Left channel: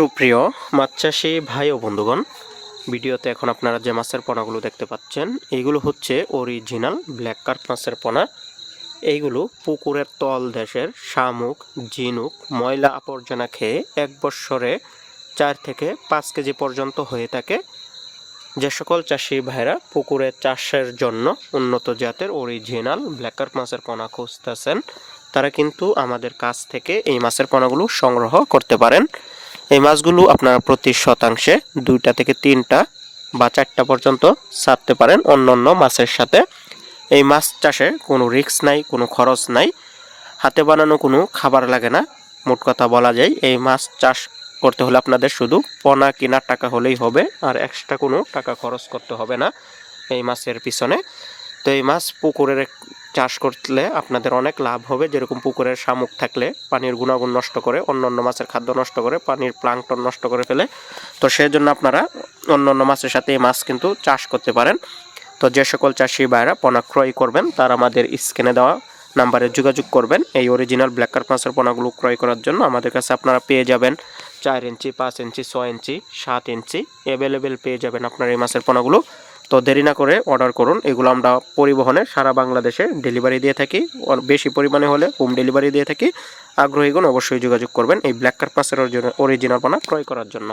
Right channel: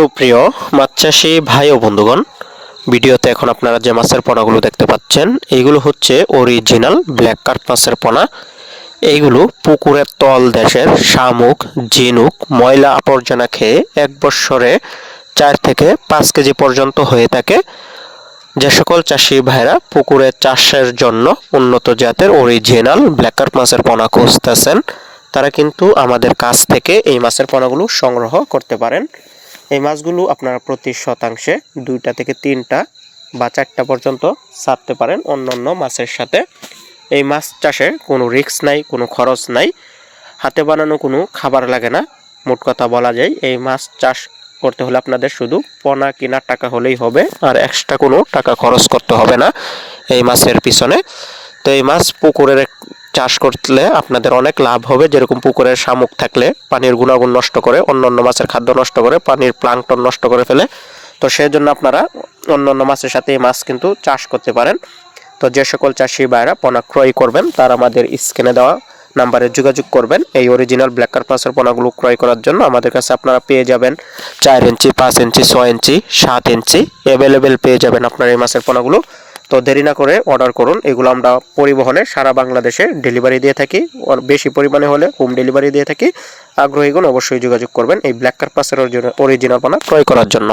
সুপ্রিয় মাছ চাষি ভাই ও বন্ধুগণ, ভিডিওতে এখন আপনারা যে মাছের পোনাগুলো দেখতে পাচ্ছেন এইগুলো হচ্ছে অরিজিনাল ব্ল্যাক কার্প মাছের পোনা। এইগুলো পুকুরের তল দেশের শামুক, ঝিনুক, ময়লা আবর্জনা খেয়ে এক বৎসরে 4 থেকে 5 কেজি পর্যন্ত হয়ে থাকে। যে সকল চাষি ভাইরা পুকুরে চাষের জন্য উন্নত জাতের অরিজিনাল ব্ল্যাক কার্প মাছের পোনা খুঁজতেছেন, তারা কিন্তু আমাদের কাছ থেকে এই মাছের পোনাগুলো সংগ্রহ করতে পারেন। এই মাছগুলো আপনারা প্রতি শতাংশে 2টা থেকে 3টা বা 4টা পর্যন্ত ছাড়তে পারেন অন্যান্য মাছের সাথে। এই মাছ চাষে কোনো রিস্ক নাই, কোনো খরচ নাই, হাতে বানানো কোনো খাবার লাগে না। মোট কথা বলা যায় এই মাছ চাষ করতে হলে আপনাদের শুধু পোনা কেনার টাকা হলেই হবে, আর এক্সট্রা কোনো টাকা খরচ করতে হবে না এই মাছের পিছনে। তো এই মাছ পুকুরের চাষ করলে আপনাদের অনেক লাভ হবে। যেরকম পুকুরের শামুক থাকলে পানির গুণাগুণ নষ্ট করে, অন্যান্য মাছের খাদ্য নষ্ট করে, পানির প্লাঙ্কটন নষ্ট করে ফেলে। তো সেই জন্য আপনারা অন্যান্য মাছের সাথে এই মাছ কিন্তু চাষ করতে পারেন। তো যে সকল চাষি ভাইরা পোনা ক্রয় করবেন তারা আমাদের স্ক্রিনে দেওয়া নাম্বারে যোগাযোগ করবেন। এই অরিজিনাল ব্ল্যাক কার্প মাছের পোনাগুলো ক্রয় করার জন্য আমাদের কাছে আপনারা পেয়ে যাবেন 4 ইঞ্চি, 5 ইঞ্চি, 6 ইঞ্চি, 7 ইঞ্চি অ্যাভেলেবেল পেয়ে যাবেন আপনারা এই মাছের পোনাগুলো। তো দেরি না করে অর্ডার করুন। এগুলো আমরা পরিবহনে সারা বাংলাদেশে ডেলিভারি দিয়ে থাকি, বেশি পরিমাণে হলে হোম ডেলিভারি দিয়ে থাকি। আগ্রহীগণ অবশ্যই যোগাযোগ করবেন এই ব্ল্যাক কার্প মাছের অরিজিনাল পোনা ক্রয় করার জন্য।